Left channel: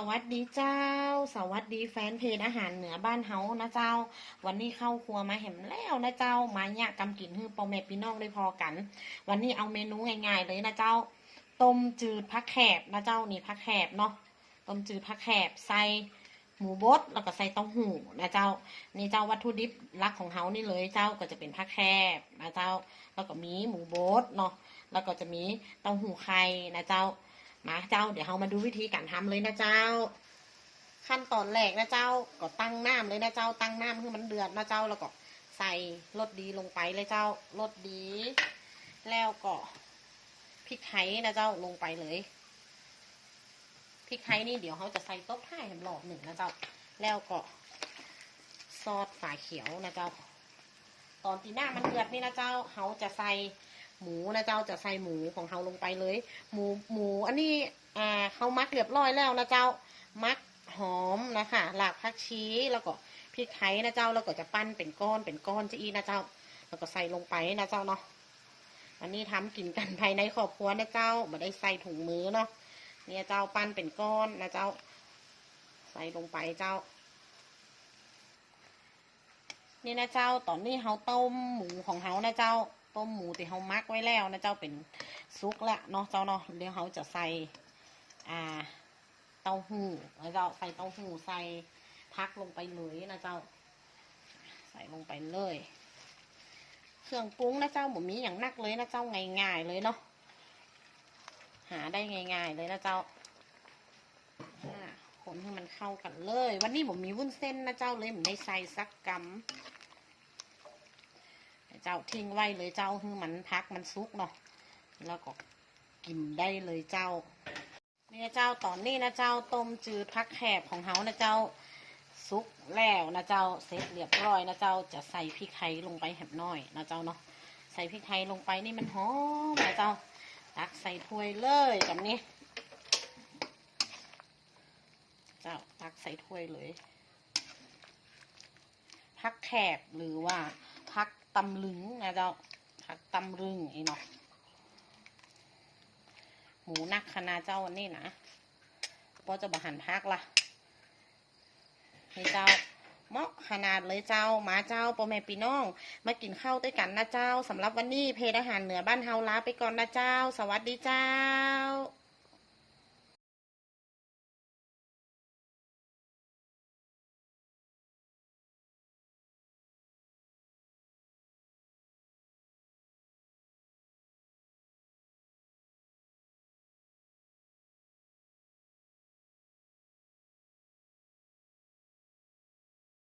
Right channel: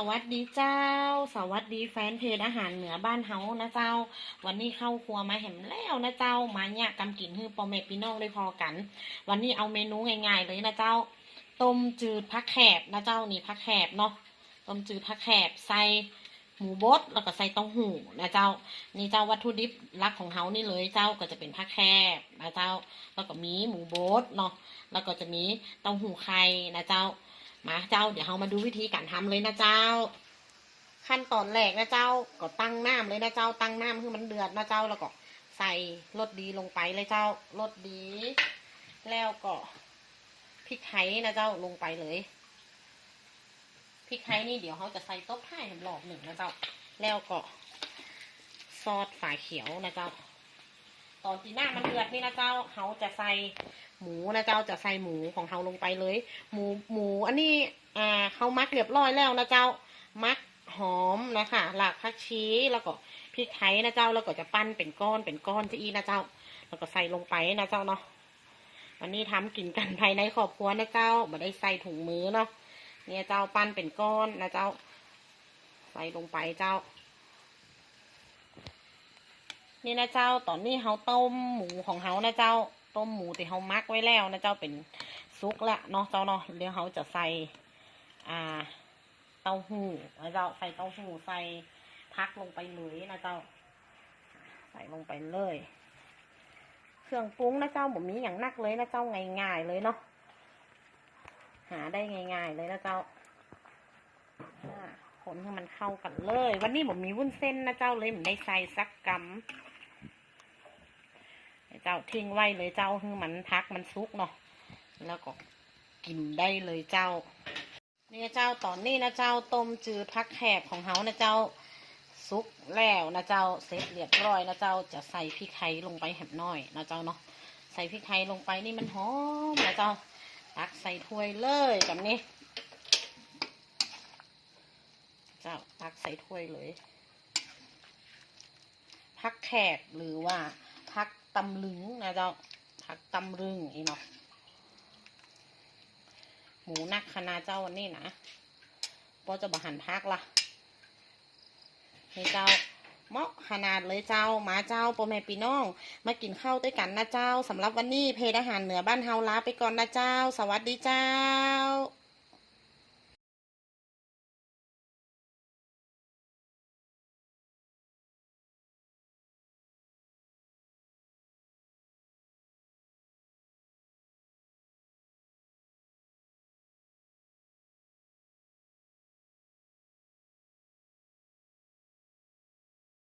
สวัสดีเจ้า สวัสดีแฟนเพจอาหารเหนือบ้านเฮานะเจ้า วันนี้เข้าครัวมาแหมแล้วนะเจ้า มาเนี่ยกำกินฮือปอแม่พี่น้องได้พอกัน วันนี้เอาเมนูง่ายๆเลยนะเจ้า ต้มจืดผักแขบนะเจ้านี่ผักแขบเนาะ ต้มจืดผักแขบใส่หมูบดแล้วก็ใส่เต้าหู้นะเจ้า นี่เจ้าวัตถุดิบหลักของเฮานี่เลยเจ้าก็จะเป็นผักแคบนะเจ้า แล้วก็มีหมูบดเนาะ แล้วก็จะมีเต้าหู้ไข่นะเจ้า มาเจ้าเดี๋ยวเรามาดูวิธีการทำเลยนะเจ้า ขั้นตอนแรกนะเจ้าก็ตั้งน้ำเลยนะเจ้า ตั้งน้ำให้มันเดือดนะเจ้าแล้วก็ใส่รสดีลงไปเลยเจ้ารสดี แล้วก็พริกไทยนะเจ้าลงไปเลยพริกไทยนี่เดี๋ยวเขาจะใส่ต๊ะให้หลอกหนึ่งนะเจ้า แล้วก็ซอสฝาเขียวนะเจ้า ตอนตีหน้ามันเดือดนี่นะเจ้าเขาจะใส่หมูนะเจ้าจะใส่หมูของเขาลงไปเลย หมูหมูอันนี้อ่าเขามักเรียบร้อยแล้วนะเจ้ามักหอมนะคะหลากผักชีแล้วก็พริกไทยนะเจ้าแล้วก็จะปั้นเป็นก้อนเป็นก้อนจะอีนะเจ้า แล้วก็ใส่ลงไปนะเจ้าเนาะวันนี้ทำกินกันภายในครอบครัวนะเจ้าไม่ได้ใส่ถุงมือเนาะเนี่ยเจ้าปั้นเป็นก้อนนะเจ้า ใส่ลงไปเจ้า นี่นะเจ้าตอนนี้เขาต้มหมูของเขานะเจ้าต้มหมูที่เขามักไว้แล้วนะเจ้าเป็นซุกละเนาะเจ้าเนาะเดี๋ยวเขาจะใส่อ่าเต้าหู้นะเจ้าใส่เต้าหู้ใส่พักลงไปเลยนะเจ้า ใส่ลงไปเลย เครื่องปรุงนะเจ้าผมมีอย่างนักเลยนะเจ้าง่ายๆเลยเนาะหาได้ง่ายๆเลยนะเจ้าอ่าคนให้มันเข้ากันเลย วันนี้ผมมีวุ้นเส้นนะเจ้าเลยผมได้ใส่สักกำ เจ้าทิ้งไว้เลยเจ้าให้มันพักมันซุกเนาะแล้วก็กินได้เลยเจ้า เนี่นะเจ้าตอนนี้นะเจ้าต้มจืดพักแขกของเฮานะเจ้าซุกแล้วนะเจ้าเสร็จเรียบร้อยนะเจ้าจะใส่พริกไทยลงไปแหบน้อยนะเจ้าเนาะใส่พริกไทยลงไปนี่มันหอมนะเจ้าตักใส่ถ้วยเลยแบบนี้ เจ้าตักใส่ถ้วยเลยพักแขกหรือว่าพัก ตำลึงนะเจ้าพักตำลึงไอ้เนาะหมูนักคณะเจ้าวันนี้นะก็จะบหันพักละนี่เจ้าเหมาะขนาดเลยเจ้าหมาเจ้าพ่อแม่พี่น้อง มากินข้าวด้วยกันนะเจ้าสำหรับวันนี้เพจอาหารเหนือบ้านเฮาลาไปก่อนนะเจ้า สวัสดีเจ้า